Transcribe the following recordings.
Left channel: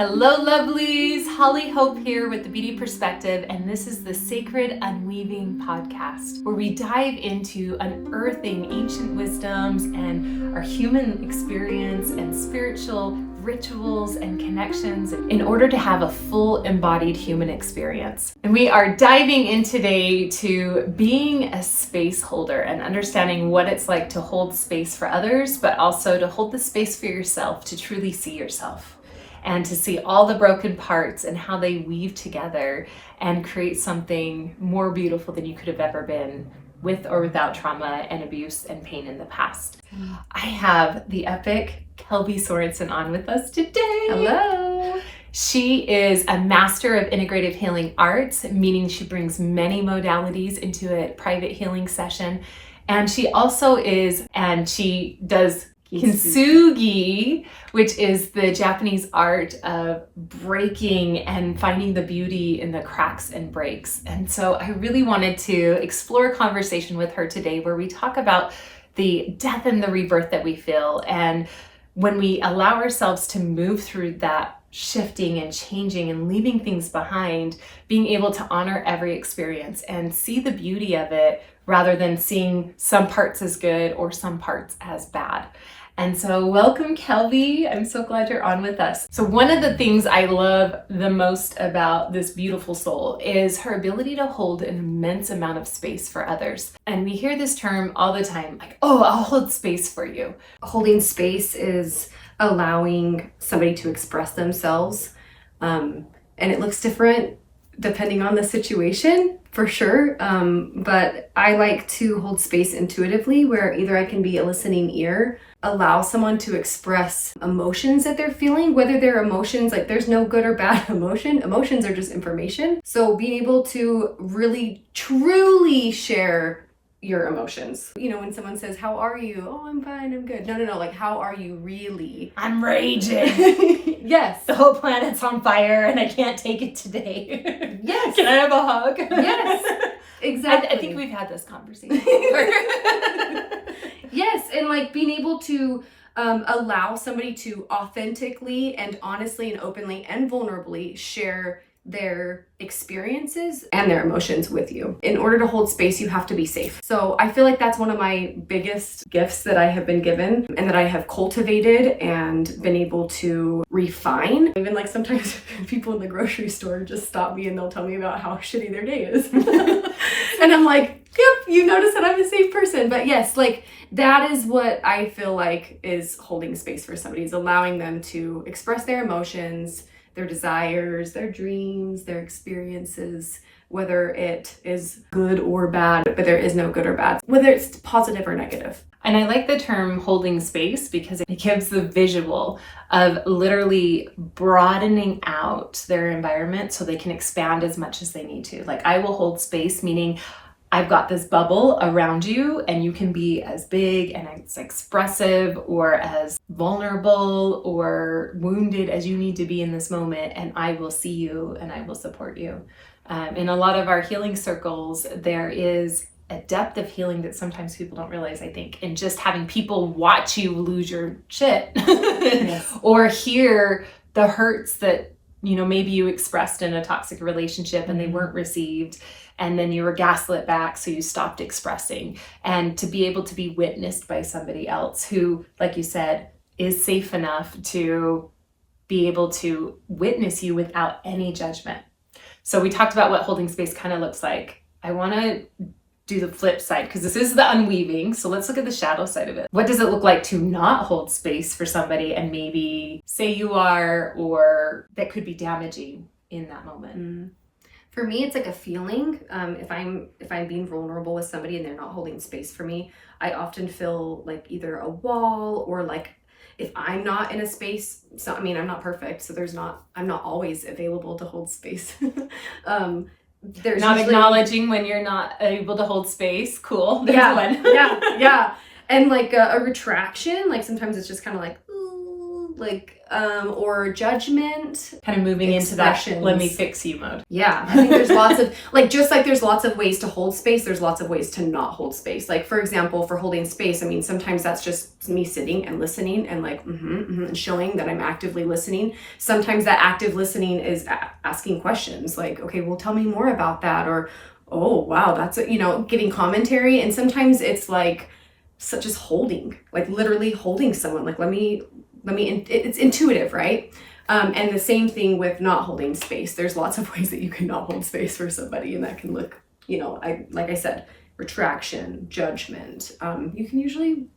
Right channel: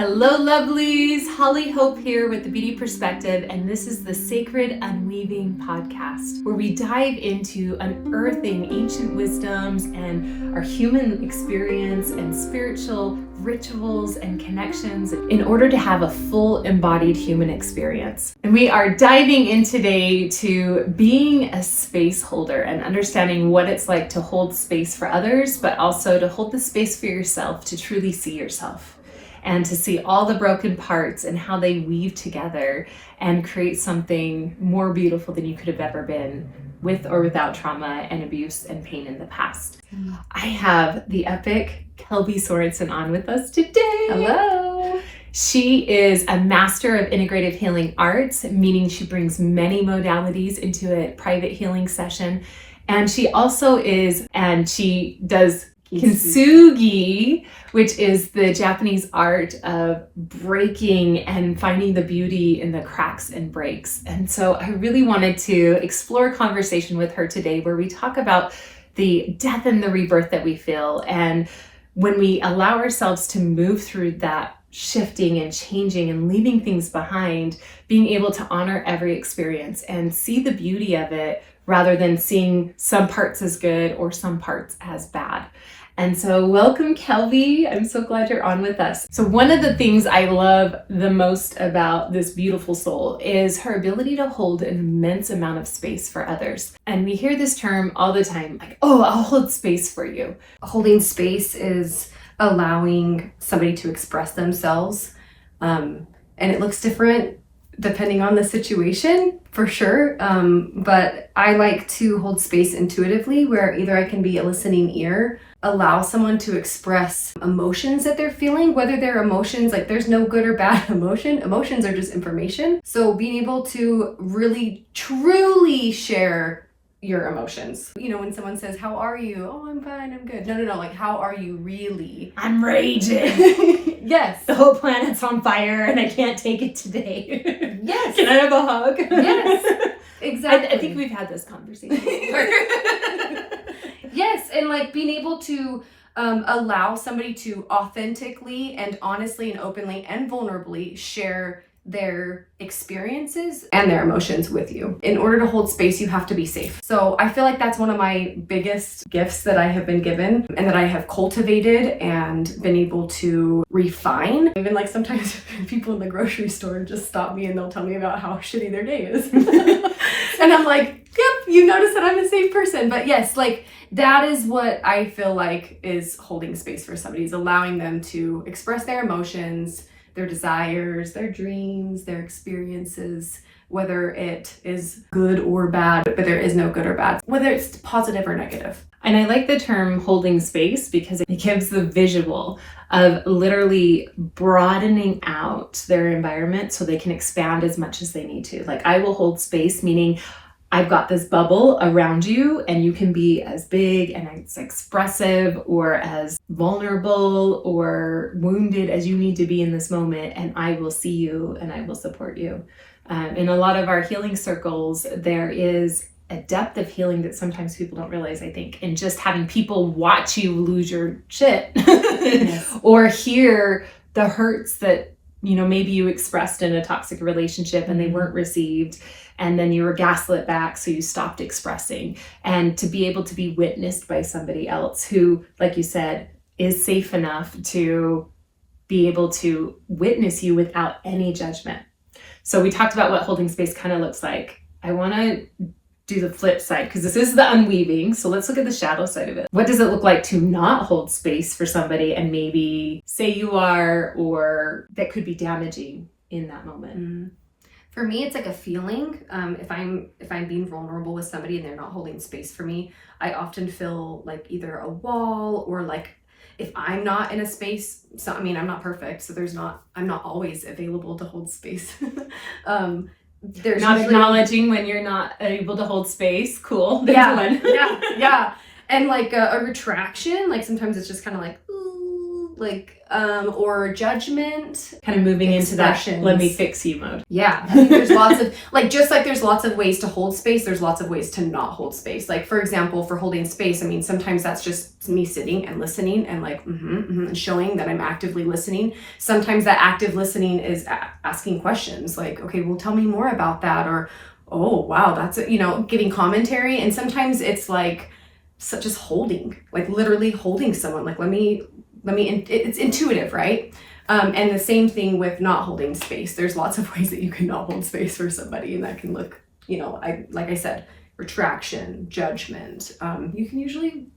Hello lovelies, Hollie Hope here with the Beauty Perspective, and this is the Sacred Unweaving Podcast, where we dive into unearthing ancient wisdoms and our human experience and spiritual rituals and connections in order to have a full embodied human experience. And we are diving in today to being a space holder and understanding what it's like to hold space for others, but also to hold the space for yourself, to truly see yourself and to see all the broken parts and how they weave together and create something more beautiful than you could have ever been, with or without trauma and abuse and pain in the past. I have the epic Kelbie Sorensen on with us today. Hello. She is a master of integrative healing arts, meaning she brings many modalities into a private healing session. And she also she does Kintsugi, which is the Japanese art of breaking and finding the beauty in the cracks and breaks. And so I really wanted to explore a conversation with her today where we talk about the death and the rebirth that we feel. And when we allow ourselves to move through that shifting and changing and leaving things behind, being able to honor every experience and see the beauty of it rather than seeing some parts as good or some parts as bad. And so welcome, Kelbie. I'm so glad you're on with us. So one of the things I love the most about this beautiful soul is her ability to hold an immense amount of space for others. And we hear this term all the time, like, oh, I'll hold space for you. Holding space is allowing somebody to express themselves. And it looks different depending on the situation, for sure. But I like to hold space intuitively, where either I can be a listening ear, allow someone to express emotions that they're feeling, whether they're emotions, like there's no good or bad emotion. Emotions are just information. So being able to really, truly share your emotions. You know, when someone says, how are you? Oh, I'm fine, I'm good. No, like, how are you really? I'm raging. Yes. The whole planet's on fire and I can't take it today. Yes. Can I have a hug? Yes. Exactly. I think we've had this conversation before. Yes, and like being able to allow somebody to authentically and honestly and openly and vulnerably share their experiences and their emotions with you. In order to hold space, you have to be safe. So I feel like that's one of my biggest gifts that I have been given and that I have cultivated and been able to refine. Even like sometimes people in the grocery store just stop me and they'll tell me about how shitty their day is. And I'm like, yep, you notice that I'm a safe person. But yes, like that is what I feel like is holding space for somebody, is allowing them to express their emotions, their desires, their dreams, their experiences, whether it is good or bad, but there is no good or bad, whether it's positive or negative. And I like the term holding space because it gives the visual of literally broadening out their environment so they can expand as much as they need to. Like, I will hold space, meaning I've got this bubble around you and you can be as big and as expressive or as vulnerable or wounded as you need to be in this moment, and I will see you and I will support you. In a lot of our healing circles, there is a depth of healing that sometimes people don't realize, I think, in just having people watch you lose your shit. Yes. Or hear the hurts that, you know, maybe you expressed in a toxic relationship and they weren't received. And then you were gaslit back, so you stopped expressing. And to be able to be witnessed by somebody else who, like you said, is safe enough to be able to witness you without any judgment. So we talked about what holding space kind of looks like. I want to do the flip side, because this is the unweaving. So let's look at the shadow side of it. What does it look like to not hold space for somebody and maybe say you are, or that could be damaging in that moment? For me, it's like a feeling. If I'm being vulnerable with somebody and they're not holding space for me, I often feel like either a wall, or like if I'm not in a space. So I mean, I'm not perfect, so I'm not always available to hold space. There's not usually, acknowledging when you're not able to hold space. Cool. There's yeah, one. yeah. And like a retraction, like sometimes it's just kind of like, ooh, or judgment. Kind of moving into that Expressions. let me fix you mode. Yeah, I think there's lots of, just like there's lots of ways to hold space, there's lots of ways to not hold space. Like, for example, for holding space, I mean, sometimes that's just me sitting and listening and and showing that I'm actively listening. Sometimes that active listening is asking questions like, okay, well, tell me more about that. Or, oh, wow, that's, giving commentary. And sometimes it's like, just holding, like literally holding someone, like, it's intuitive, right? And the same thing with not holding space. There's lots of ways that you can not hold space for somebody, and that can look, like I said, retraction, judgment. You can usually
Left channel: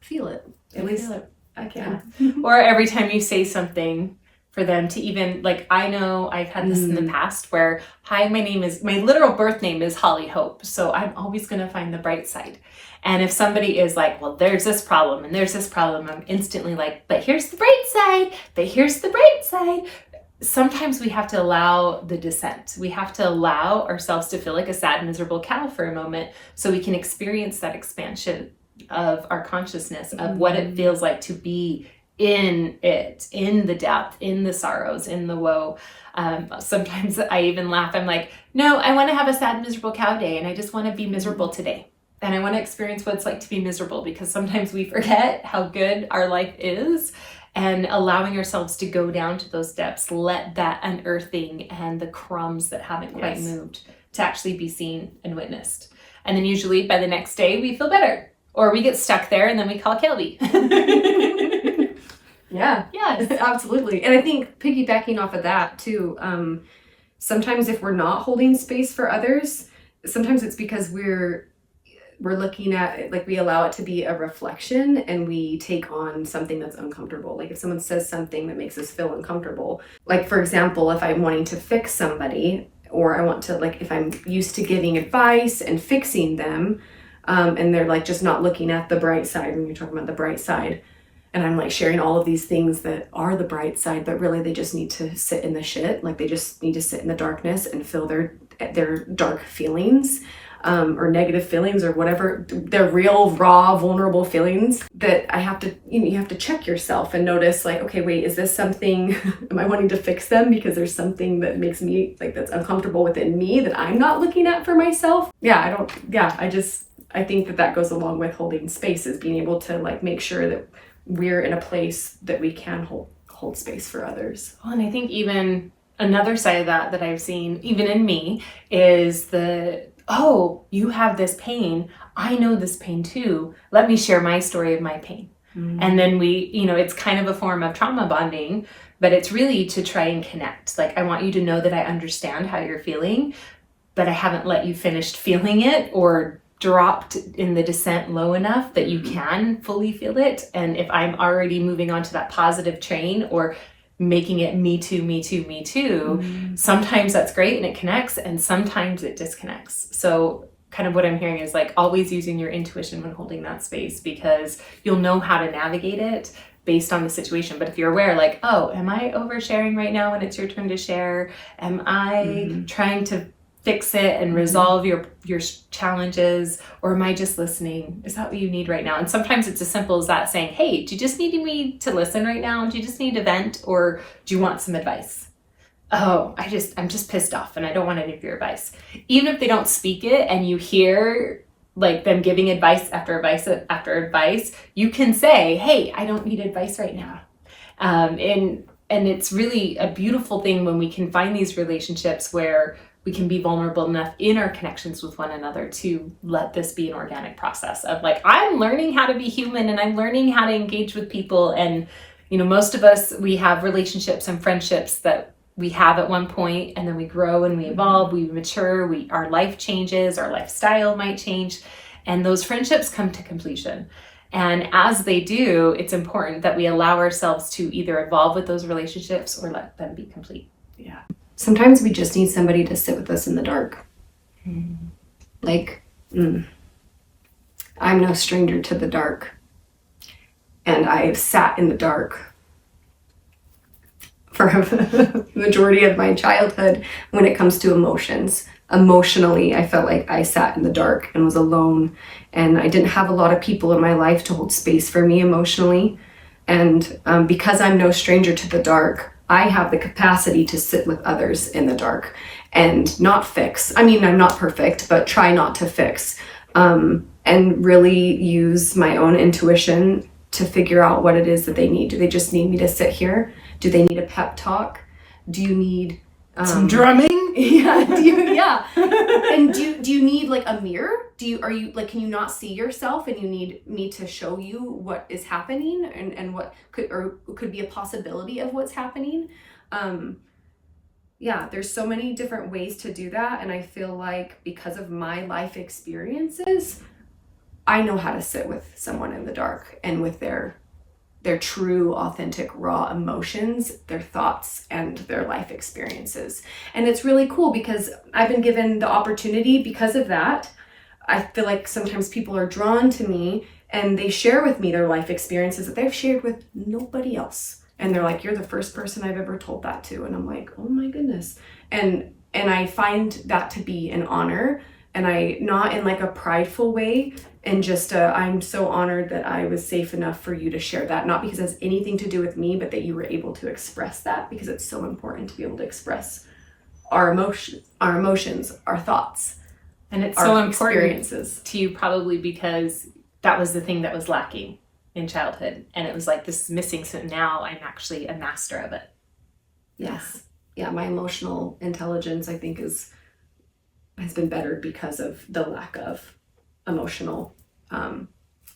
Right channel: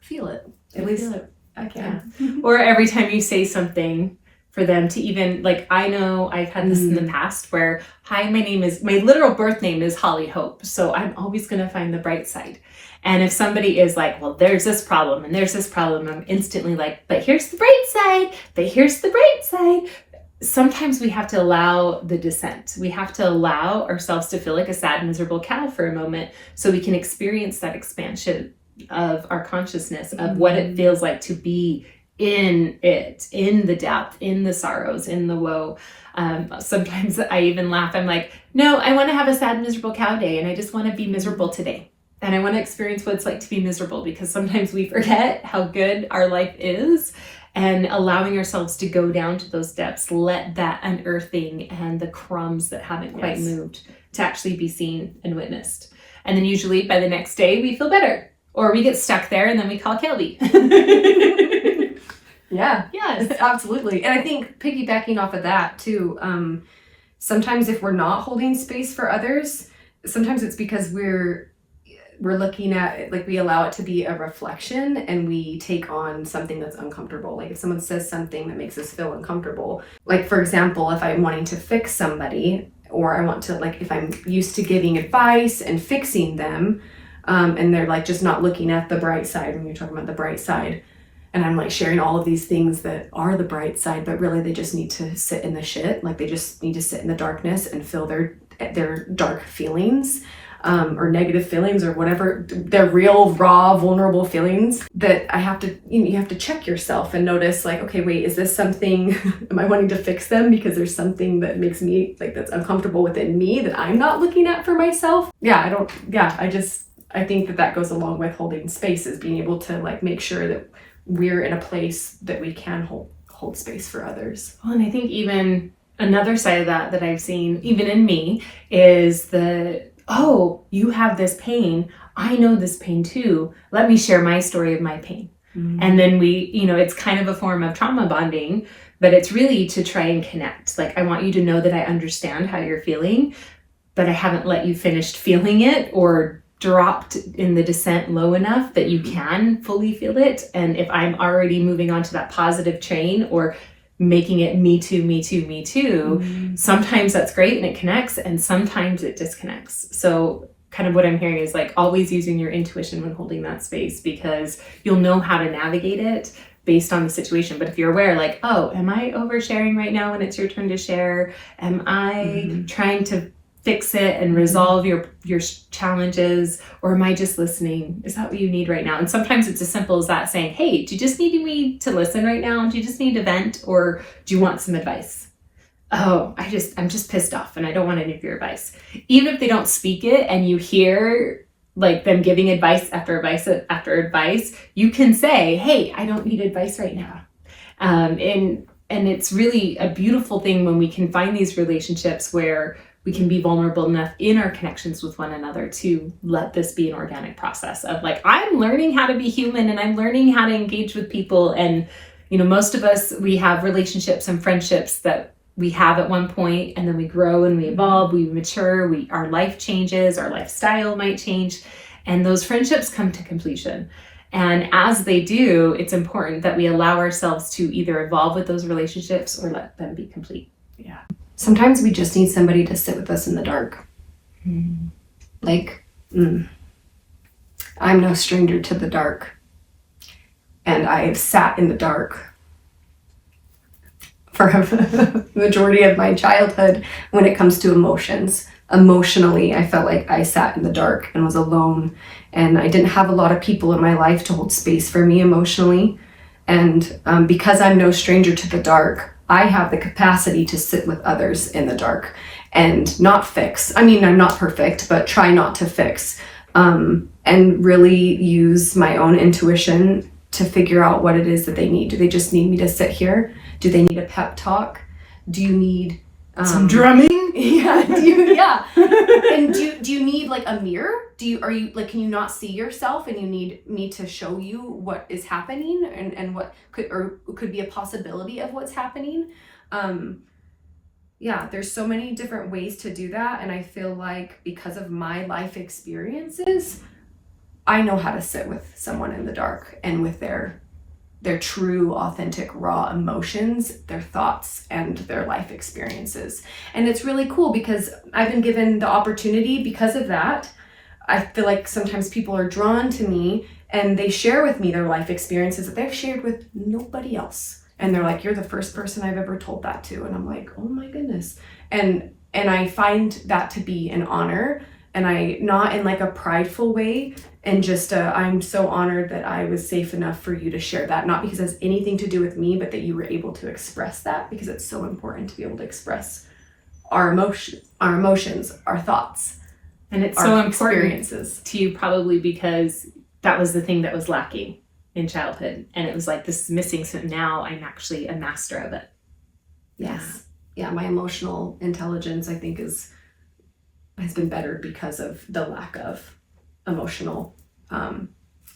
feel it. At least I can. Yeah. Or every time you say something, for them to even, like, I know I've had this in the past where, hi, my literal birth name is Hollie Hope, so I'm always going to find the bright side. And if somebody is like, well, there's this problem and there's this problem, I'm instantly like, but here's the bright side, but here's the bright side. Sometimes we have to allow the descent. We have to allow ourselves to feel like a sad, miserable cow for a moment so we can experience that expansion of our consciousness of what it feels like to be in it, in the depth, in the sorrows, in the woe. Sometimes I even laugh. I'm like, no, I want to have a sad, miserable cow day, and I just want to be miserable today. And I want to experience what it's like to be miserable, because sometimes we forget how good our life is, and allowing ourselves to go down to those depths, let that unearthing and the crumbs that haven't quite moved to actually be seen and witnessed. And then usually by the next day we feel better, or we get stuck there and then we call Kelbie. Yeah, yes, absolutely. And I think piggybacking off of that too, sometimes if we're not holding space for others, sometimes it's because we're looking at it, like we allow it to be a reflection and we take on something that's uncomfortable. Like if someone says something that makes us feel uncomfortable, like for example, if I'm wanting to fix somebody, or I want to, like, if I'm used to giving advice and fixing them, and they're like just not looking at the bright side when you're talking about the bright side, and I'm like sharing all of these things that are the bright side, but really they just need to sit in the shit. Like they just need to sit in the darkness and feel their dark feelings, or negative feelings, or whatever, their real, raw, vulnerable feelings. That I have to, you have to check yourself and notice, like, okay, wait, is this something, am I wanting to fix them because there's something that makes me, like, that's uncomfortable within me that I'm not looking at for myself? I think that goes along with holding space, is being able to, like, make sure that we're in a place that we can hold space for others. Well, and I think even another side of that I've seen, even in me, is oh, you have this pain. I know this pain too. Let me share my story of my pain. And then we, it's kind of a form of trauma bonding, but it's really to try and connect. Like, I want you to know that I understand how you're feeling, but I haven't let you finish feeling it, or dropped in the descent low enough that you can fully feel it. And if I'm already moving on to that positive train, or making it me too, me too, me too, sometimes that's great and it connects, and sometimes it disconnects. So kind of what I'm hearing is, like, always using your intuition when holding that space, because you'll know how to navigate it based on the situation. But if you're aware, like, oh, am I oversharing right now when it's your turn to share? Am I trying to fix it and resolve your challenges, or am I just listening? Is that what you need right now? And sometimes it's as simple as that, saying, hey, do you just need me to listen right now? Do you just need to vent, or do you want some advice? Oh, I'm just pissed off and I don't want any of your advice. Even if they don't speak it and you hear, like, them giving advice after advice after advice, you can say, hey, I don't need advice right now. And it's really a beautiful thing when we can find these relationships where we can be vulnerable enough in our connections with one another to let this be an organic process of, like, I'm learning how to be human and I'm learning how to engage with people. And, most of us, we have relationships and friendships that we have at one point, and then we grow and we evolve, we mature, our life changes, our lifestyle might change, and those friendships come to completion. And as they do, it's important that we allow ourselves to either evolve with those relationships or let them be complete. Yeah. Sometimes we just need somebody to sit with us in the dark. Like, I'm no stranger to the dark. And I have sat in the dark for the majority of my childhood when it comes to emotions. Emotionally, I felt like I sat in the dark and was alone. And I didn't have a lot of people in my life to hold space for me emotionally. And because I'm no stranger to the dark, I have the capacity to sit with others in the dark and not fix. I mean, I'm not perfect, but try not to fix. And really use my own intuition to figure out what it is that they need. Do they just need me to sit here? Do they need a pep talk? Do you need some drumming? Yeah. And do you need like a mirror? Are you like, can you not see yourself and you need me to show you what is happening and what could be a possibility of what's happening? Yeah, there's so many different ways to do that. And I feel like because of my life experiences, I know how to sit with someone in the dark and with their true, authentic, raw emotions, their thoughts, and their life experiences. And it's really cool because I've been given the opportunity because of that. I feel like sometimes people are drawn to me and they share with me their life experiences that they've shared with nobody else. And they're like, you're the first person I've ever told that to. And I'm like, oh my goodness. And I find that to be an honor, and I, not in like a prideful way, and just I'm so honored that I was safe enough for you to share that, not because it has anything to do with me, but that you were able to express that, because it's so important to be able to express our emotions, our thoughts, and it's our so important experiences to you, probably because that was the thing that was lacking in childhood, and it was like, this is missing, so now I'm actually a master of it. Yes. Yeah, my emotional intelligence, I think, has been bettered because of the lack of emotional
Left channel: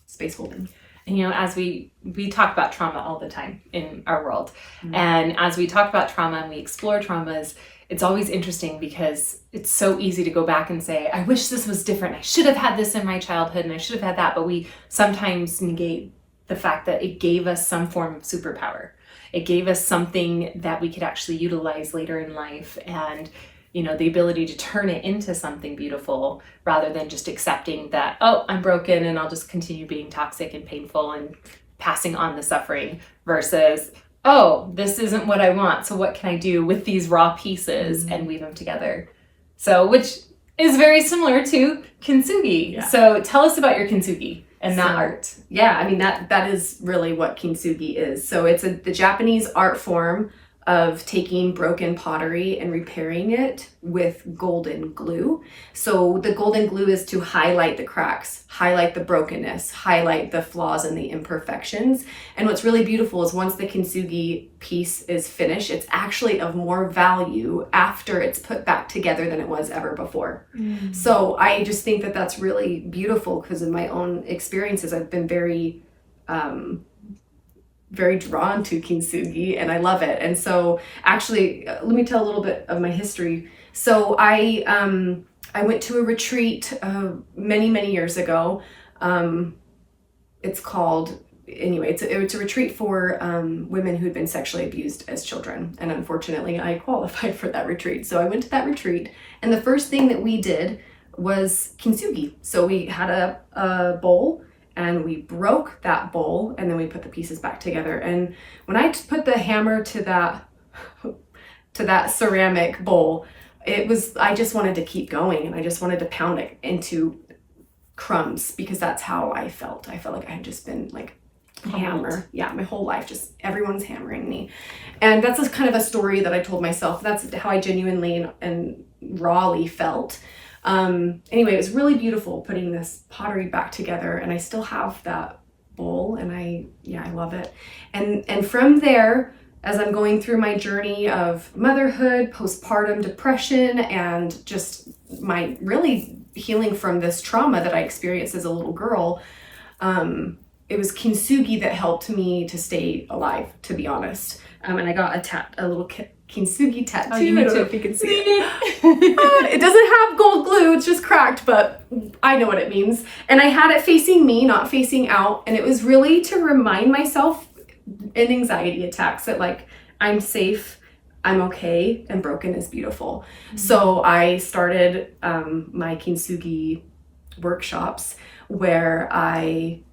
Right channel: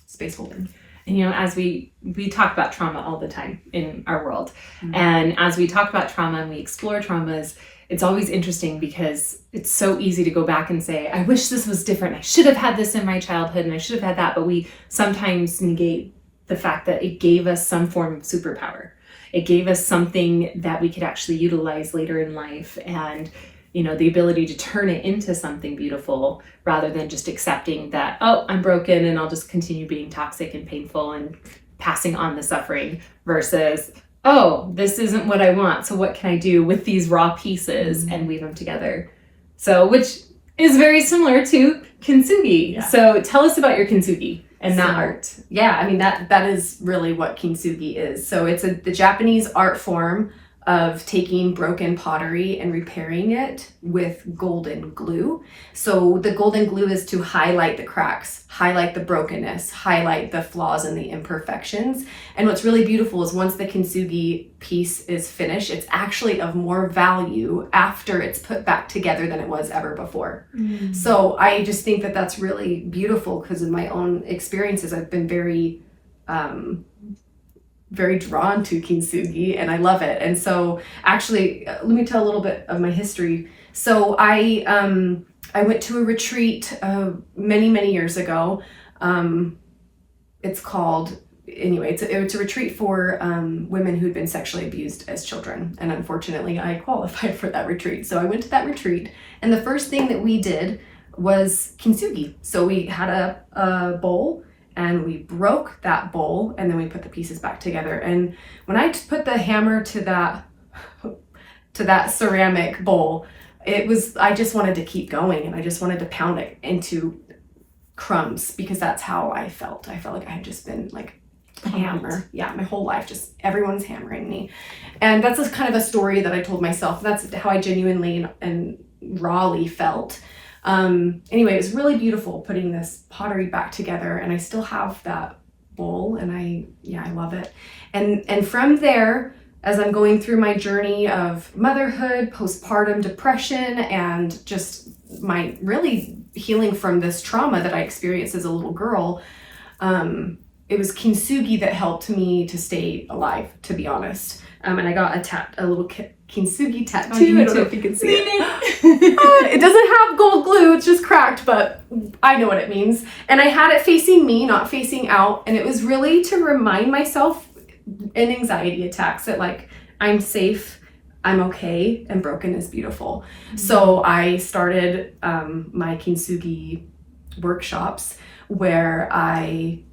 space holding. And as we talk about trauma all the time in our world, and as we talk about trauma and we explore traumas, it's always interesting because it's so easy to go back and say, I wish this was different, I should have had this in my childhood, and I should have had that. But we sometimes negate the fact that it gave us some form of superpower. It gave us something that we could actually utilize later in life, and the ability to turn it into something beautiful, rather than just accepting that, oh, I'm broken and I'll just continue being toxic and painful and passing on the suffering, versus, oh, this isn't what I want, so what can I do with these raw pieces and weave them together? So, which is very similar to Kintsugi. Yeah. So tell us about your Kintsugi and that art. Yeah, I mean, that is really what Kintsugi is. So it's the Japanese art form of taking broken pottery and repairing it with golden glue. So the golden glue is to highlight the cracks, highlight the brokenness, highlight the flaws and the imperfections. And what's really beautiful is once the Kintsugi piece is finished, it's actually of more value after it's put back together than it was ever before. So I just think that that's really beautiful, because of my own experiences. I've been very drawn to Kintsugi, and I love it. And so actually, let me tell a little bit of my history. So I went to a retreat many years ago. It's called, anyway, it's a retreat for women who'd been sexually abused as children. And unfortunately, I qualified for that retreat. So I went to that retreat, and the first thing that we did was Kintsugi. So we had a bowl, and we broke that bowl, and then we put the pieces back together. And when I put the hammer to that ceramic bowl, I just wanted to keep going, and I just wanted to pound it into crumbs, because that's how I felt. I felt like I had just been like hammer. Yeah, my whole life, just everyone's hammering me. And that's just kind of a story that I told myself. That's how I genuinely and rawly felt. Anyway, it was really beautiful putting this pottery back together, and I still have that bowl, and I love it. And from there, as I'm going through my journey of motherhood, postpartum depression, and just my really healing from this trauma that I experienced as a little girl, it was Kintsugi that helped me to stay alive, to be honest. And I got a little Kintsugi tattoo. I don't know if you can see it. It doesn't have gold glue, it's just cracked, but I know what it means. And I had it facing me, not facing out. And it was really to remind myself in anxiety attacks that, like, I'm safe, I'm okay, and broken is beautiful. So I started my Kintsugi workshops, where I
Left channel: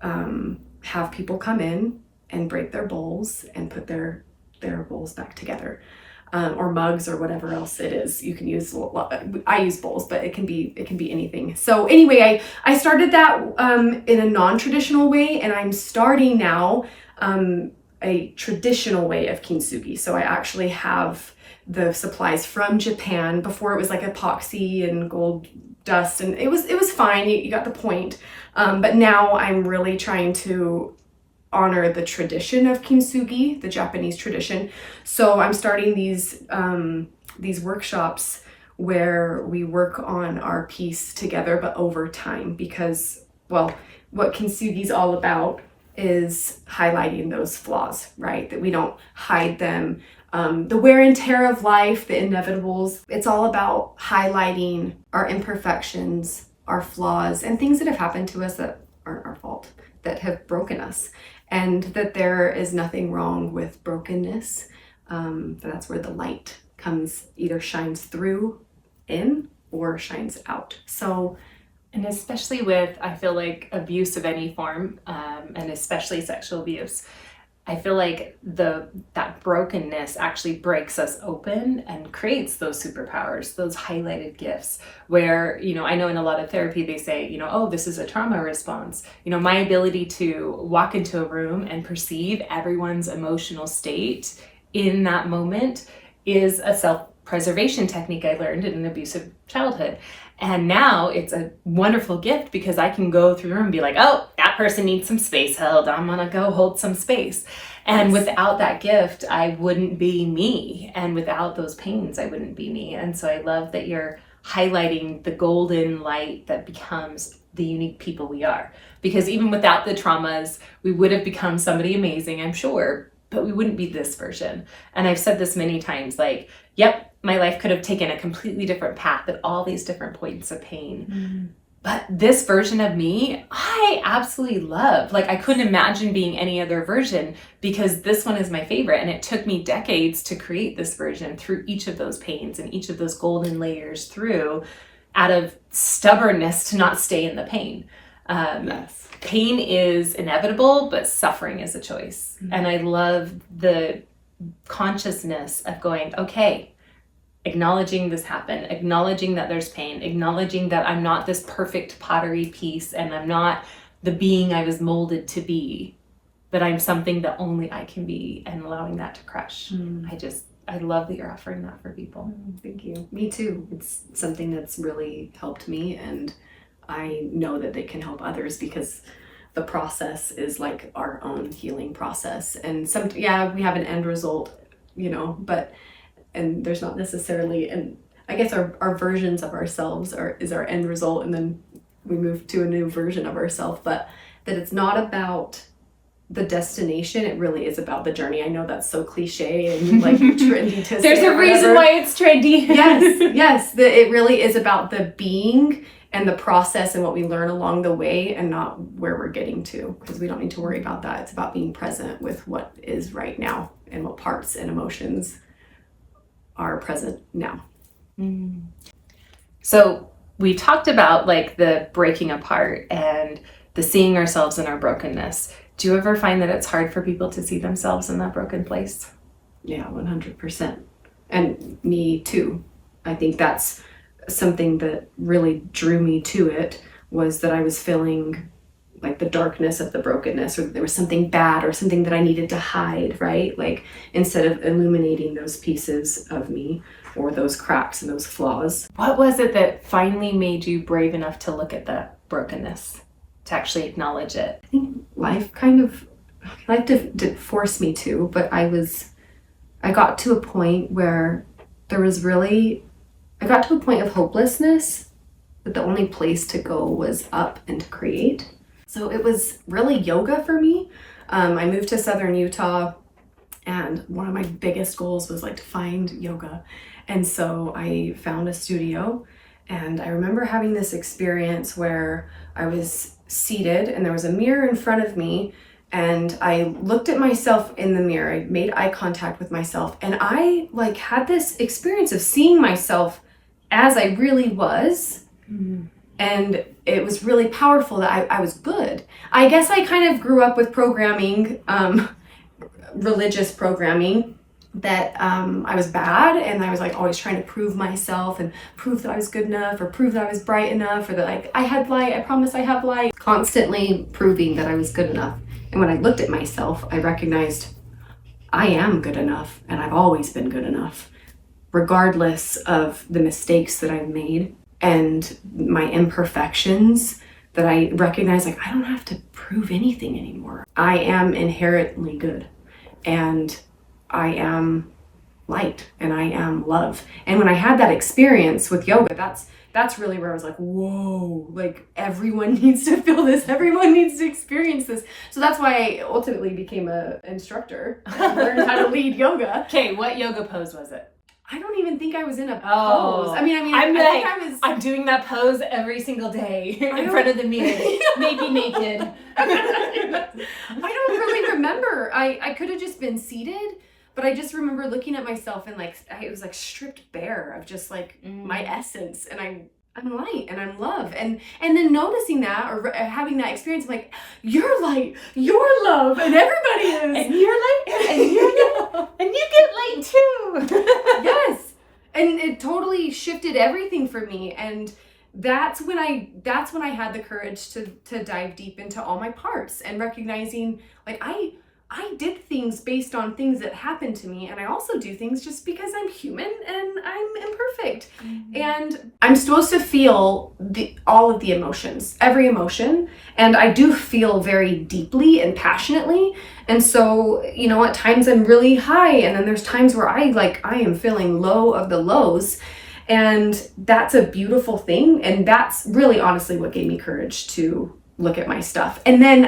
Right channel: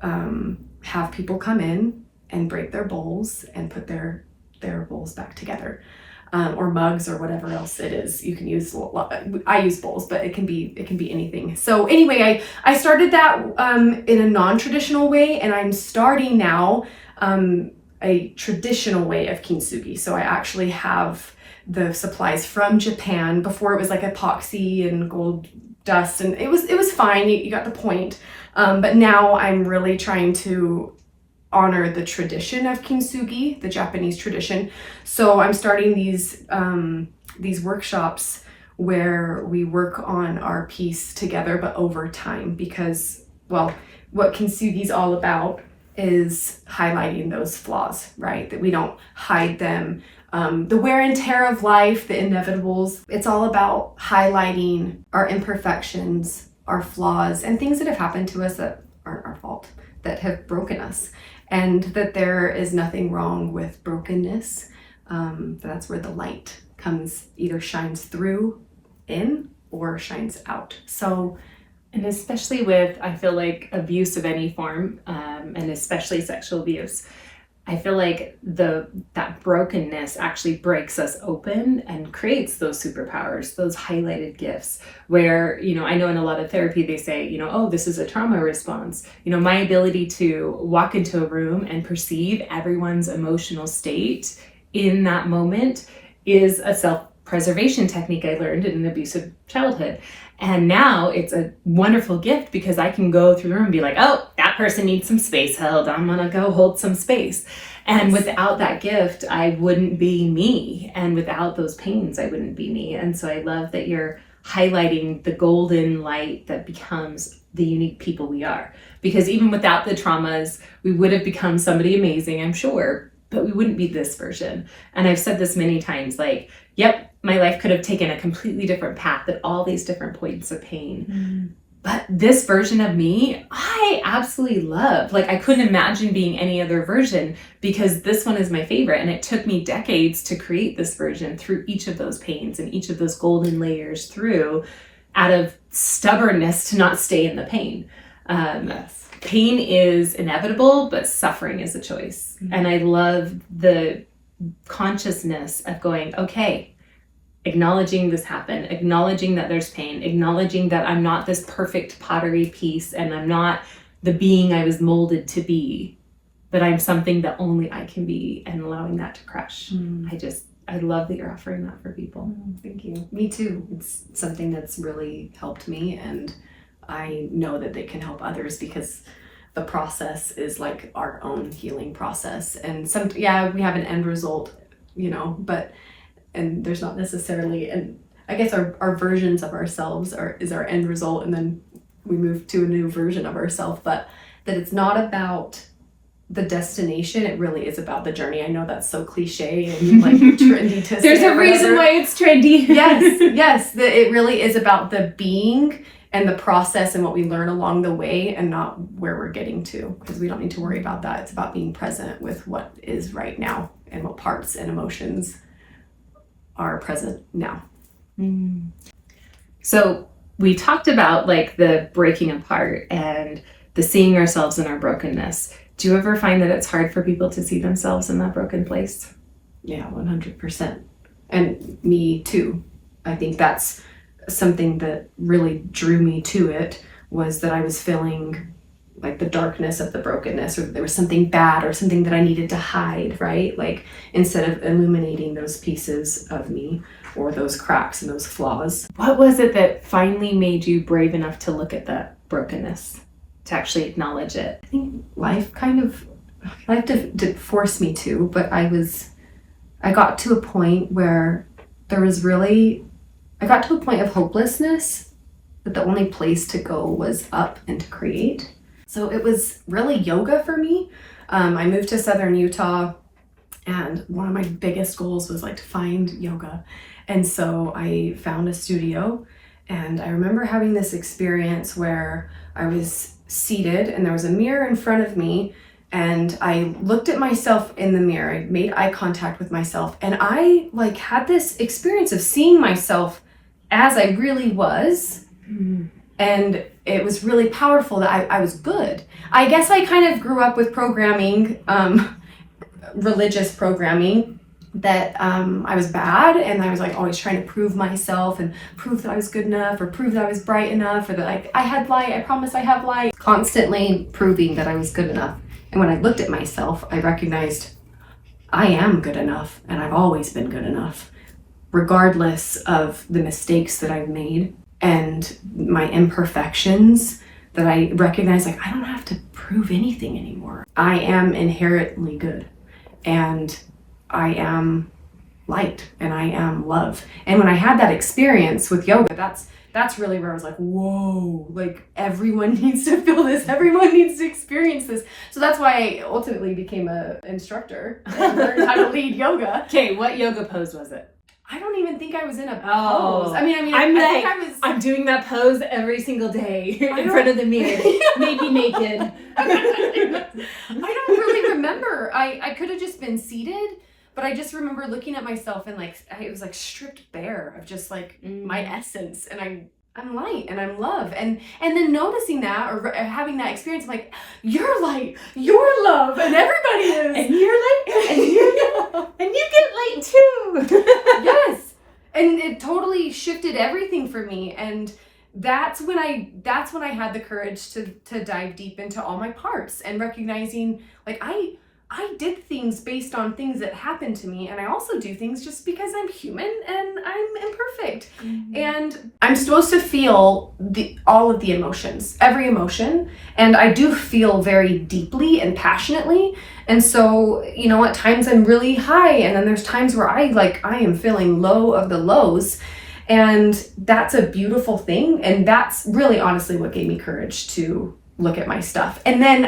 have people come in and break their bowls and put their bowls back together, or mugs, or whatever else it is. You can use, I use bowls, but it can be anything. So anyway, I started that in a non-traditional way, and I'm starting now a traditional way of kintsugi. So I actually have the supplies from Japan. Before it was like epoxy and gold dust, and it was fine. You got the point. But now I'm really trying to honor the tradition of kintsugi, the Japanese tradition. So I'm starting these workshops where we work on our piece together, but over time, because, well, what kintsugi is all about is highlighting those flaws, right? That we don't hide them. The wear and tear of life, the inevitables. It's all about highlighting our imperfections, our flaws, and things that have happened to us that aren't our fault, that have broken us. And that there is nothing wrong with brokenness. That's where the light comes, either shines through in or shines out. So, and especially with, I feel like, abuse of any form, and especially sexual abuse, I feel like that brokenness actually breaks us open and creates those superpowers, those highlighted gifts where, I know in a lot of therapy they say, oh, this is a trauma response. My ability to walk into a room and perceive everyone's emotional state in that moment is a self-preservation technique I learned in an abusive childhood. And now it's a wonderful gift because I can go through the room and be like, oh, that person needs some space held. I'm going to go hold some space. And without that gift, I wouldn't be me. And without those pains, I wouldn't be me. And so I love that you're highlighting the golden light that becomes the unique people we are. Because even without the traumas, we would have become somebody amazing, I'm sure, but we wouldn't be this version. And I've said this many times, like, yep, my life could have taken a completely different path at all these different points of pain. But this version of me, I absolutely love. Like, I couldn't imagine being any other version because this one is my favorite. And it took me decades to create this version through each of those pains and each of those golden layers through, out of stubbornness to not stay in the pain. yes. Pain is inevitable, but suffering is a choice. And I love the consciousness of going, okay, acknowledging this happened, acknowledging that there's pain, acknowledging that I'm not this perfect pottery piece and I'm not the being I was molded to be, but I'm something that only I can be, and allowing that to crush. I love that you're offering that for people. Thank you. Me too. It's something that's really helped me, and I know that it can help others because the process is like our own healing process. And we have an end result, and there's not necessarily, and I guess our versions of ourselves is our end result, and then we move to a new version of ourselves, but that it's not about the destination, it really is about the journey. I know that's so cliche and like trendy to say. There's a reason why it's trendy. yes, it really is about the being and the process and what we learn along the way, and not where we're getting to, because we don't need to worry about that. It's about being present with what is right now and what parts and emotions are present now. So we talked about like the breaking apart and the seeing ourselves in our brokenness. Do you ever find that it's hard for people to see themselves in that broken place? Yeah, 100%. And me too. I think that's something that really drew me to it, was that I was feeling like the darkness of the brokenness, or there was something bad or something that I needed to hide, right? Like, instead of illuminating those pieces of me or those cracks and those flaws. What was it that finally made you brave enough to look at that brokenness, to actually acknowledge it? I think life did force me to, but I got to a point where I got to a point of hopelessness, that the only place to go was up and to create. So it was really yoga for me. I moved to Southern Utah, and one of my biggest goals was like to find yoga. And so I found a studio, and I remember having this experience where I was seated and there was a mirror in front of me, and I looked at myself in the mirror. I made eye contact with myself, and I like had this experience of seeing myself as I really was. And it was really powerful that I was good. I guess I kind of grew up with programming, religious programming, that I was bad, and I was like always trying to prove myself and prove that I was good enough, or prove that I was bright enough, or that like I had light, I promise I have light. Constantly proving that I was good enough. And when I looked at myself, I recognized I am good enough, and I've always been good enough, regardless of the mistakes that I've made and my imperfections, that I recognize, like, I don't have to prove anything anymore. I am inherently good, and I am light, and I am love. And when I had that experience with yoga, that's really where I was like, whoa, like, everyone needs to feel this. Everyone needs to experience this. So that's why I ultimately became an instructor and learned how to lead yoga. Okay, what yoga pose was it? I don't even think I was in a pose. I think I was. I'm doing that pose every single day in front of the mirror, maybe naked. I don't really remember. I could have just been seated, but I just remember looking at myself and like it was like stripped bare of just like my essence, and I'm light and I'm love, and then noticing that or having that experience, like, you're light, you're love, and everybody is, and you're light, and you get light too. Yes, and it totally shifted everything for me, and that's when I had the courage to dive deep into all my parts and recognizing, like, I did things based on things that happened to me, and I also do things just because I'm human and I'm imperfect. And I'm supposed to feel all of the emotions, every emotion, and I do feel very deeply and passionately. And so, at times I'm really high, and then there's times where I am feeling low of the lows, and that's a beautiful thing. And that's really honestly what gave me courage to look at my stuff. And then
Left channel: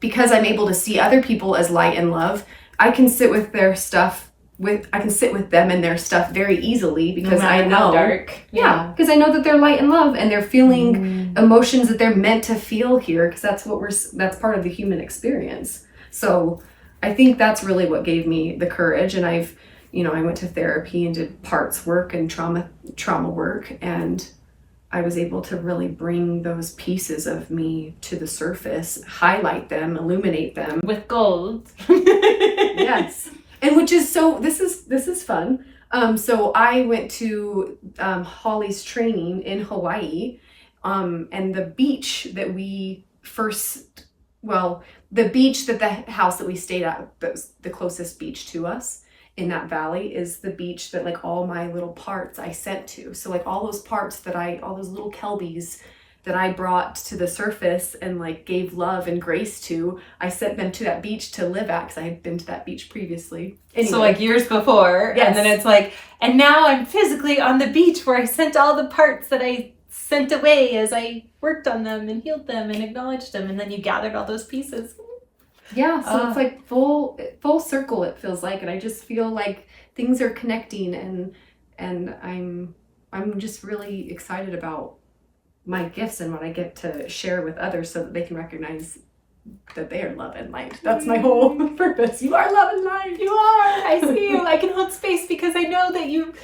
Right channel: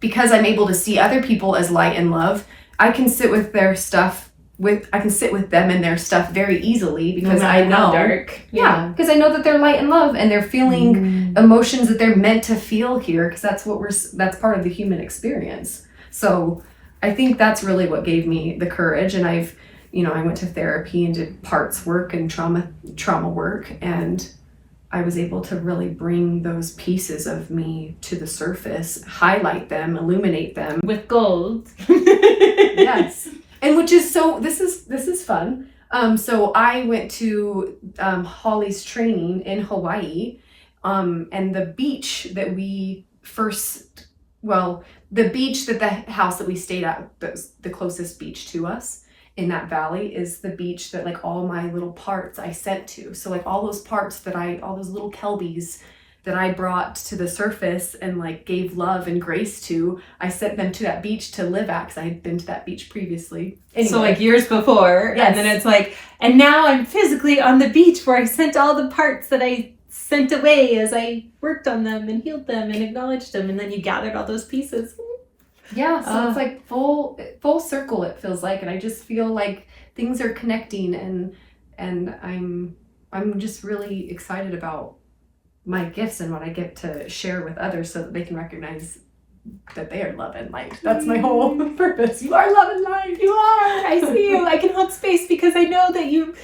because I'm able to see other people as light and love, I can sit with their stuff I can sit with them and their stuff very easily, because I know, because I know that they're light and love, and they're feeling emotions that they're meant to feel here, because that's part of the human experience. So I think that's really what gave me the courage. And I went to therapy and did parts work and trauma work, and I was able to really bring those pieces of me to the surface, highlight them, illuminate them with gold. Yes. And this is fun. So I went to Hollie's training in Hawaii, and the beach that the beach that the house that we stayed at, the closest beach to us in that valley, is the beach that like all my little parts I sent to. So like all those parts all those little Kelbies that I brought to the surface and like gave love and grace to, I sent them to that beach to live at, because I had been to that beach previously. Anyway. So like years before, yes. And then it's like, and now I'm physically on the beach where I sent all the parts that I sent away as I worked on them and healed them and acknowledged them, and then you gathered all those pieces. Yeah, so it's like full circle, it feels like, and I just feel like things are connecting, and I'm just really excited about my gifts and what I get to share with others, so that they can recognize that they are love and light. That's my whole purpose. You are love and light. You are. I see you. I can hold space because I know that you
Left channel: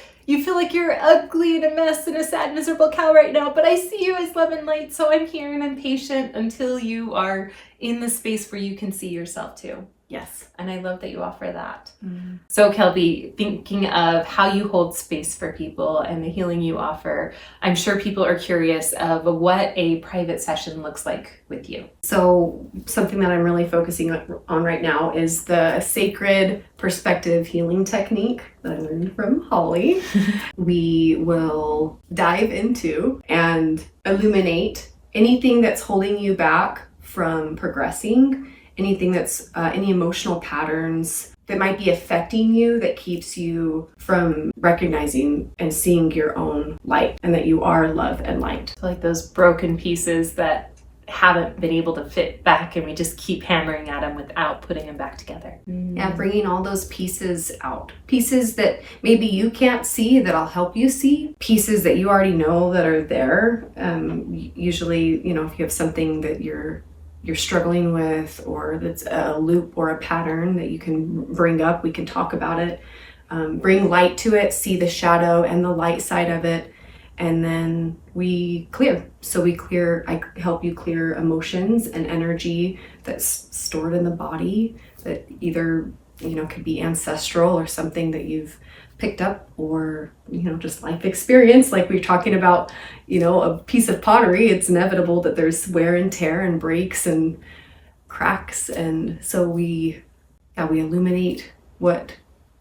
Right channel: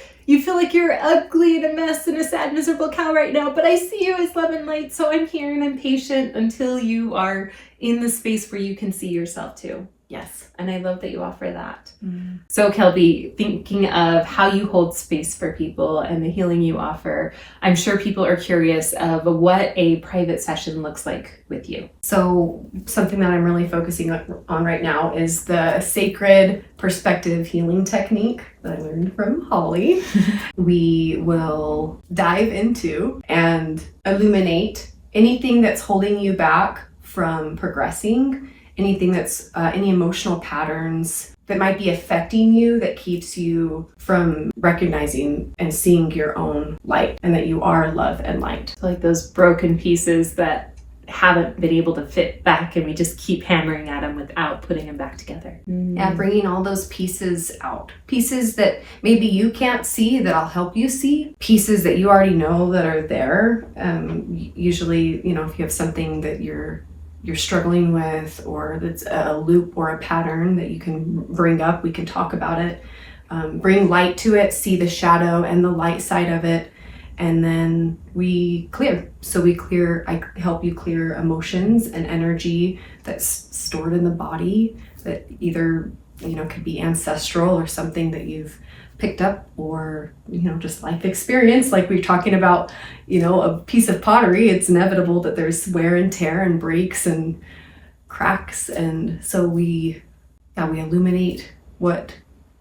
feel like you're ugly and a mess and a sad, miserable cow right now, but I see you as love and light. So I'm here and I'm patient until you are in the space where you can see yourself too. Yes. And I love that you offer that. So Kelbie, thinking of how you hold space for people and the healing you offer, I'm sure people are curious of what a private session looks like with you. So something that I'm really focusing on right now is the sacred perspective healing technique that I learned from Hollie. We will dive into and illuminate anything that's holding you back from progressing, anything that's any emotional patterns that might be affecting you that keeps you from recognizing and seeing your own light, and that you are love and light. So like those broken pieces that haven't been able to fit back, and we just keep hammering at them without putting them back together. Yeah, bringing all those pieces out. Pieces that maybe you can't see that I'll help you see. Pieces that you already know that are there. Usually, if you have something that you're struggling with, or that's a loop or a pattern that you can bring up, we can talk about it, bring light to it, see the shadow and the light side of it, and then we clear. So I help you clear emotions and energy that's stored in the body that either could be ancestral or something that you've picked up, or just life experience. Like we're talking about a piece of pottery, it's inevitable that there's wear and tear and breaks and cracks. And so we illuminate what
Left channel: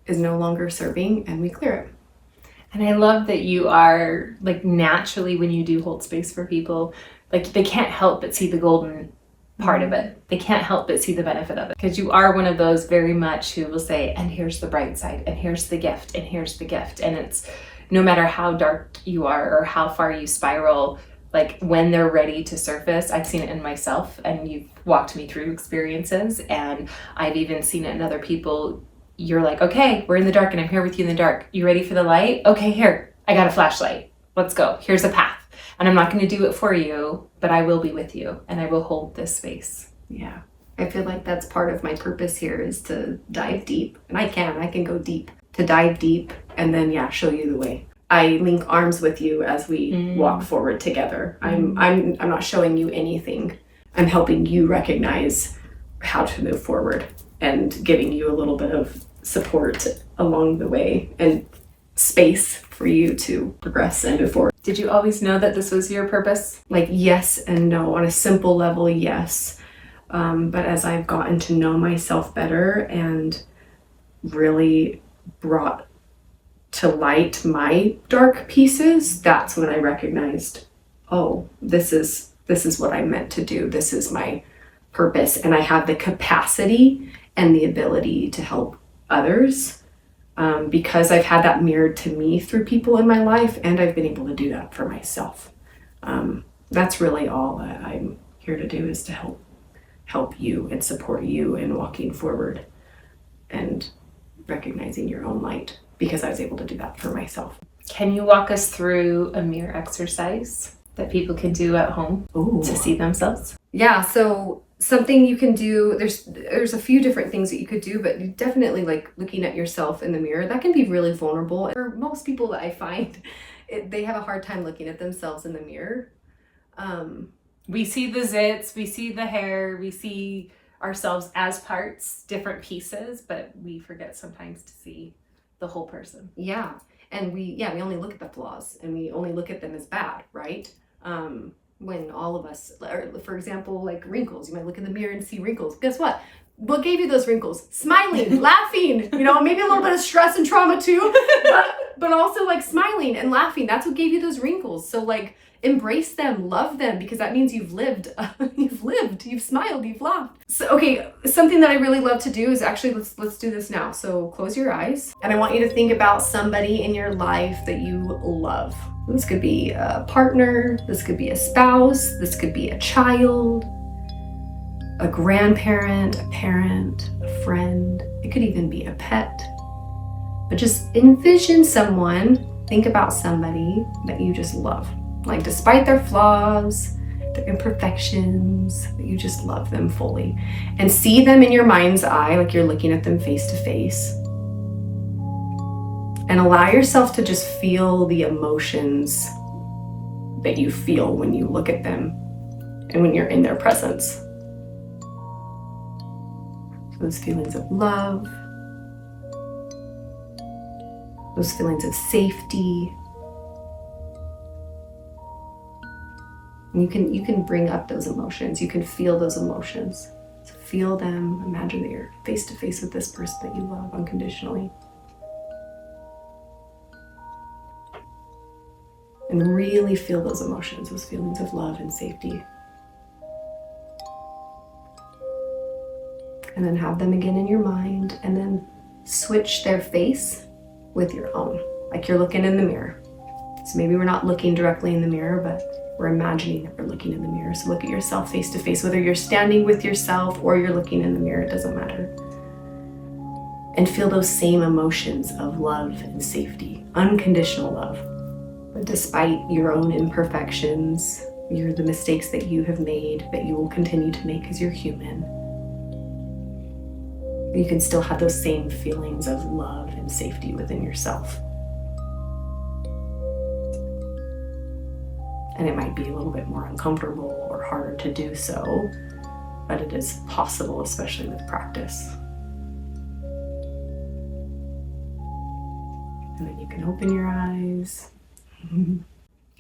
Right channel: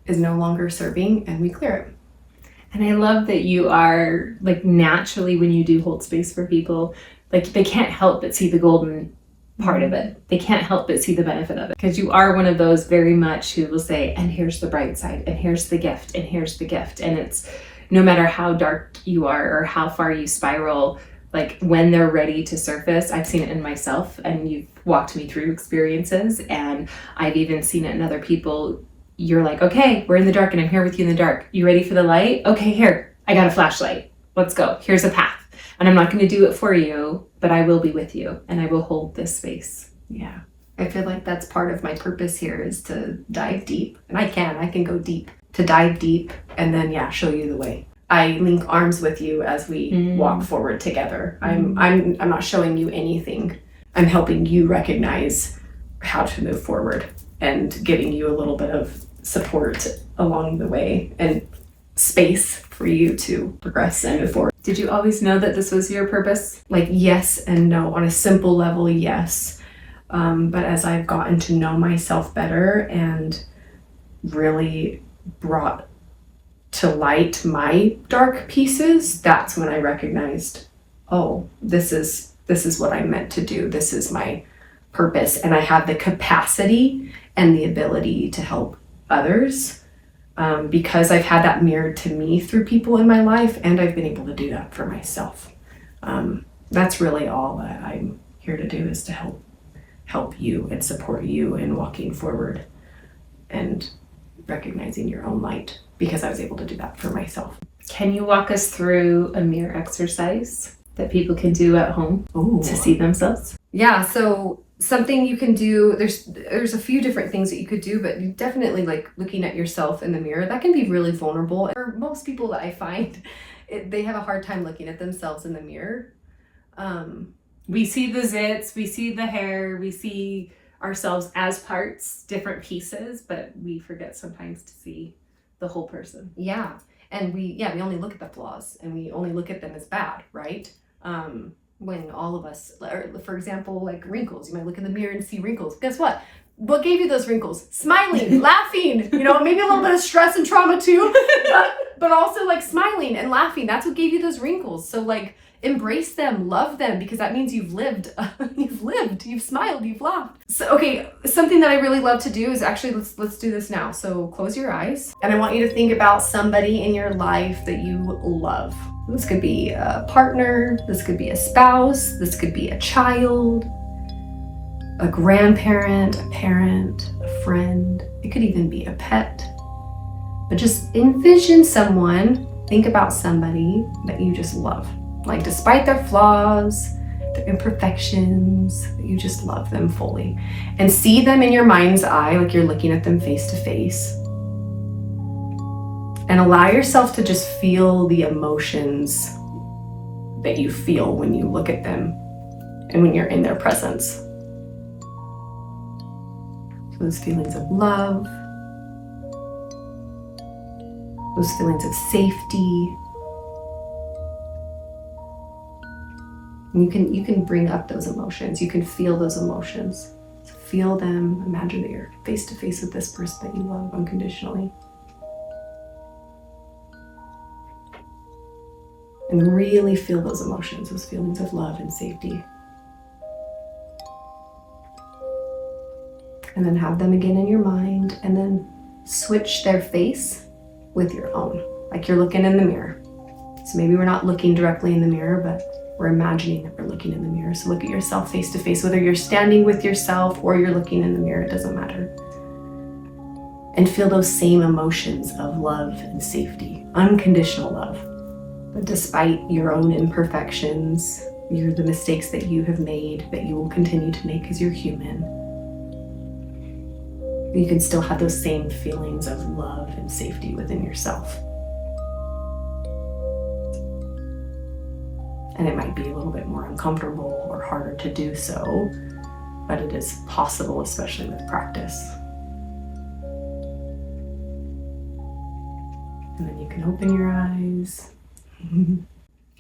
is no longer serving and we clear it. And I love that you are like naturally, when you do hold space for people, like they can't help but see the golden part of it. They can't help but see the benefit of it, because you are one of those very much who will say, and here's the bright side, and here's the gift, and here's the gift. And it's no matter how dark you are or how far you spiral, like when they're ready to surface. I've seen it in myself, and you've walked me through experiences, and I've even seen it in other people. You're like, okay, we're in the dark and I'm here with you in the dark. You ready for the light? Okay, here, I got a flashlight. Let's go. Here's a path. And I'm not going to do it for you, but I will be with you and I will hold this space. Yeah. I feel like that's part of my purpose here, is to dive deep. And I can go deep, to dive deep and then, show you the way. I link arms with you as we walk forward together. I'm not showing you anything. I'm helping you recognize how to move forward and giving you a little bit of support along the way and space for you to progress and move forward. Did you always know that this was your purpose? Like, yes and no. On a simple level, yes. But as I've gotten to know myself better and really brought to light my dark pieces, that's when I recognized, oh, this is what I'm meant to do. This is my purpose. And I have the capacity and the ability to help others because I've had that mirrored to me through people in my life, and I've been able to do that for myself. That's really all that I'm here to do, is to help you and support you in walking forward and recognizing your own light, because I was able to do that for myself. Can you walk us through a mirror exercise that people can do at home to see themselves? Yeah, so something you can do, there's a few different things that you could do, but definitely like looking at yourself in the mirror, that can be really vulnerable. For most people that I find, they have a hard time looking at themselves in the mirror. We see the zits, we see the hair, we see ourselves as parts, different pieces, but we forget sometimes to see the whole person. Yeah. And we only look at the flaws, and we only look at them as bad, right? When all of us, for example, like wrinkles, you might look in the mirror and see wrinkles. Guess what? What gave you those wrinkles? Smiling, laughing, maybe a little bit of stress and trauma too, but also like smiling and laughing. That's what gave you those wrinkles. So like, embrace them, love them, because that means you've lived, you've smiled, you've laughed. So, okay, something that I really love to do is actually, let's do this now. So close your eyes, and I want you to think about somebody in your life that you love. This could be a partner, this could be a spouse, this could be a child, a grandparent, a parent, a friend. It could even be a pet. But just envision someone, think about somebody that you just love. Like, despite their flaws, their imperfections, you just love them fully. And see them in your mind's eye, like you're looking at them face to face. And allow yourself to just feel the emotions that you feel when you look at them and when you're in their presence. So those feelings of love, those feelings of safety. And you can bring up those emotions. You can feel those emotions. So feel them. Imagine that you're face to face with this person that you love unconditionally. And really feel those emotions, those feelings of love and safety. And then have them again in your mind, and then switch their face with your own, like you're looking in the mirror. So maybe we're not looking directly in the mirror, but we're imagining that we're looking in the mirror. So look at yourself face to face, whether you're standing with yourself or you're looking in the mirror, it doesn't matter. And feel those same emotions of love and safety, unconditional love. But despite your own imperfections, the mistakes that you have made, that you will continue to make because you're human, you can still have those same feelings of love and safety within yourself. And it might be a little bit more uncomfortable or harder to do so, but it is possible, especially with practice. And then you can open your eyes.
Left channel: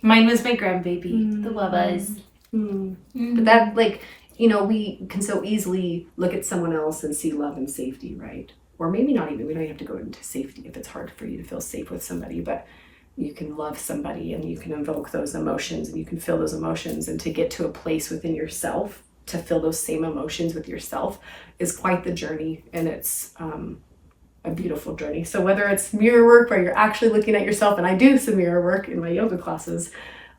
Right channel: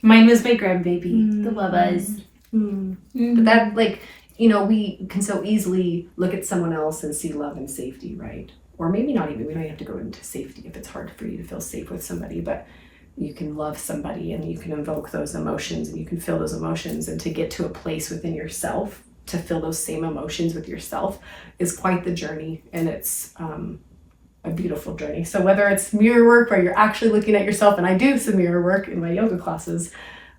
Mine was my grandbaby, the love eyes. But that, like, we can so easily look at someone else and see love and safety, right? Or maybe not even, we don't have to go into safety if it's hard for you to feel safe with somebody, but you can love somebody and you can invoke those emotions and you can feel those emotions, and to get to a place within yourself to feel those same emotions with yourself is quite the journey, and it's a beautiful journey. So whether it's mirror work where you're actually looking at yourself, and I do some mirror work in my yoga classes,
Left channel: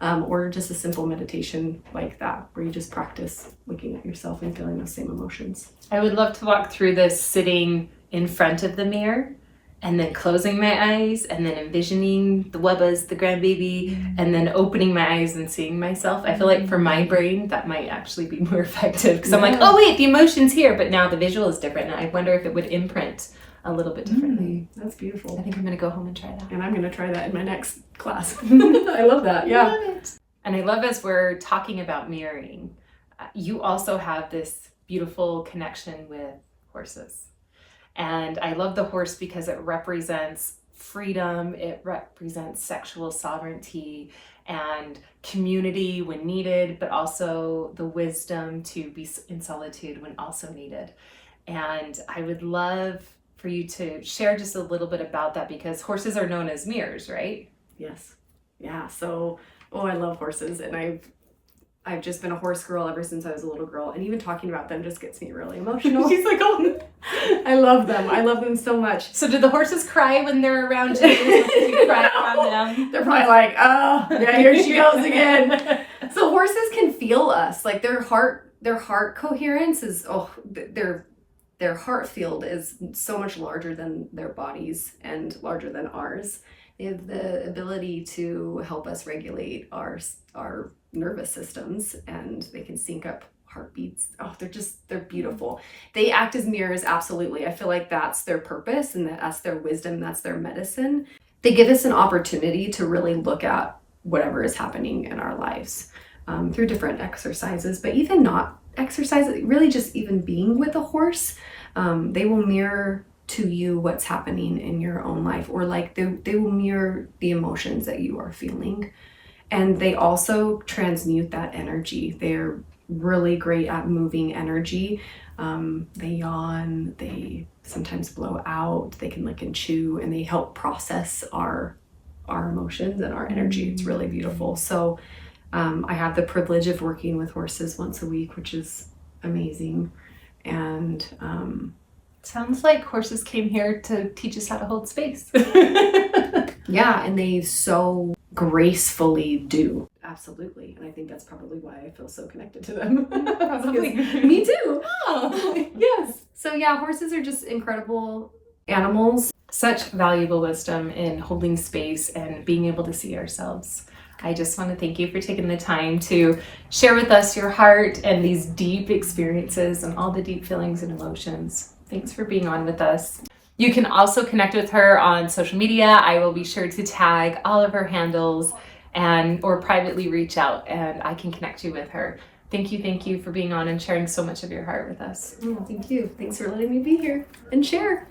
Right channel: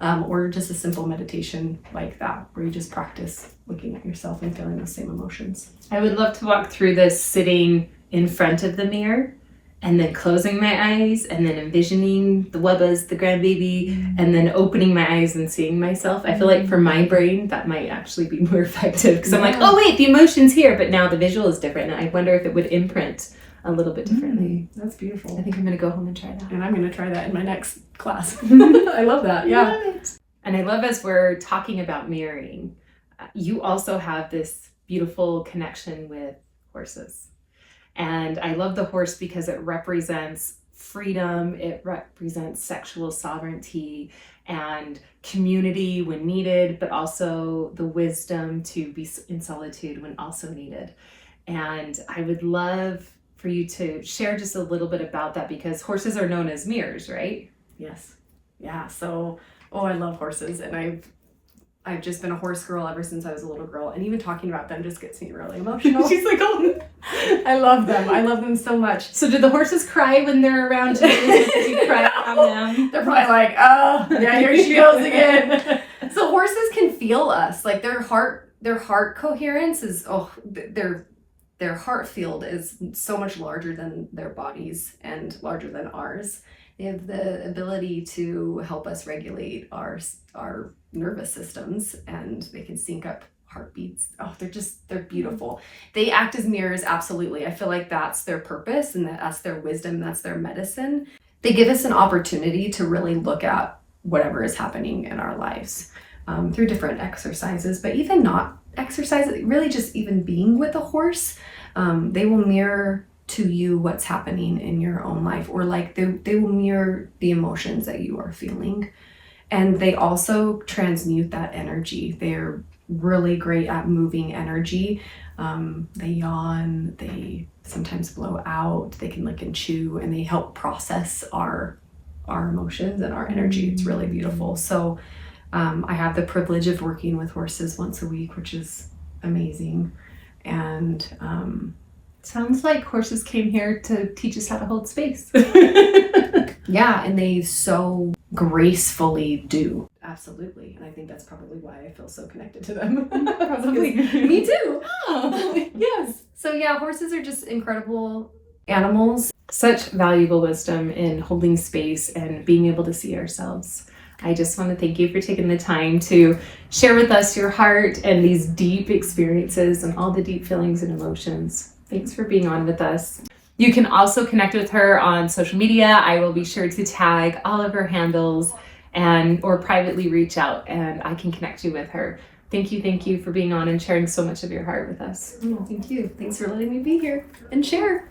or just a simple meditation like that where you just practice looking at yourself and feeling those same emotions. I would love to walk through this sitting in front of the mirror and then closing my eyes and then envisioning the wubbas, the grandbaby, and then opening my eyes and seeing myself. I feel like for my brain, that might actually be more effective, because I'm like, oh wait, the emotion's here, but now the visual is different. And I wonder if it would imprint a little bit differently. That's beautiful. I think I'm going to go home and try that. And I'm going to try that in my next class. I love that. Yeah. And I love, as we're talking about mirroring, you also have this beautiful connection with horses. And I love the horse because it represents freedom, it represents sexual sovereignty and community when needed, but also the wisdom to be in solitude when also needed. And I would love for you to share just a little bit about that, because horses are known as mirrors, right? Yes. Yeah. So, I love horses, and I've just been a horse girl ever since I was a little girl, and even talking about them just gets me really emotional. She's like, oh, I love them. I love them so much. So do the horses cry when they're around you? Do you cry on them? They're probably like, oh, yeah, here she goes again. So horses can feel us. Like their heart coherence is, their heart field is so much larger than their bodies and larger than ours. They have the ability to help us regulate our nervous systems, and they can sync up heartbeats. Oh, they're beautiful. They act as mirrors, absolutely. I feel like that's their purpose, and that's their wisdom, that's their medicine. They give us an opportunity to really look at whatever is happening in our lives through different exercises, but even not exercises, really just even being with a horse. They will mirror to you what's happening in your own life, or like they will mirror the emotions that you are feeling. And they also transmute that energy. They're really great at moving energy. They yawn, they sometimes blow out, they can lick and chew, and they help process our emotions and our energy. It's really beautiful. So I have the privilege of working with horses once a week, which is amazing. And sounds like horses came here to teach us how to hold space. Yeah, and they so gracefully do. Absolutely. And I think that's probably why I feel so connected to them. Probably. Me too. Oh, yes. So yeah, horses are just incredible animals. Such valuable wisdom in holding space and being able to see ourselves. I just want to thank you for taking the time to share with us your heart and these deep experiences and all the deep feelings and emotions. Thanks for being on with us. You can also connect with her on social media. I will be sure to tag all of her handles or privately reach out, and I can connect you with her. Thank you for being on and sharing so much of your heart with us. Oh, thank you. Thanks for letting me be here and share.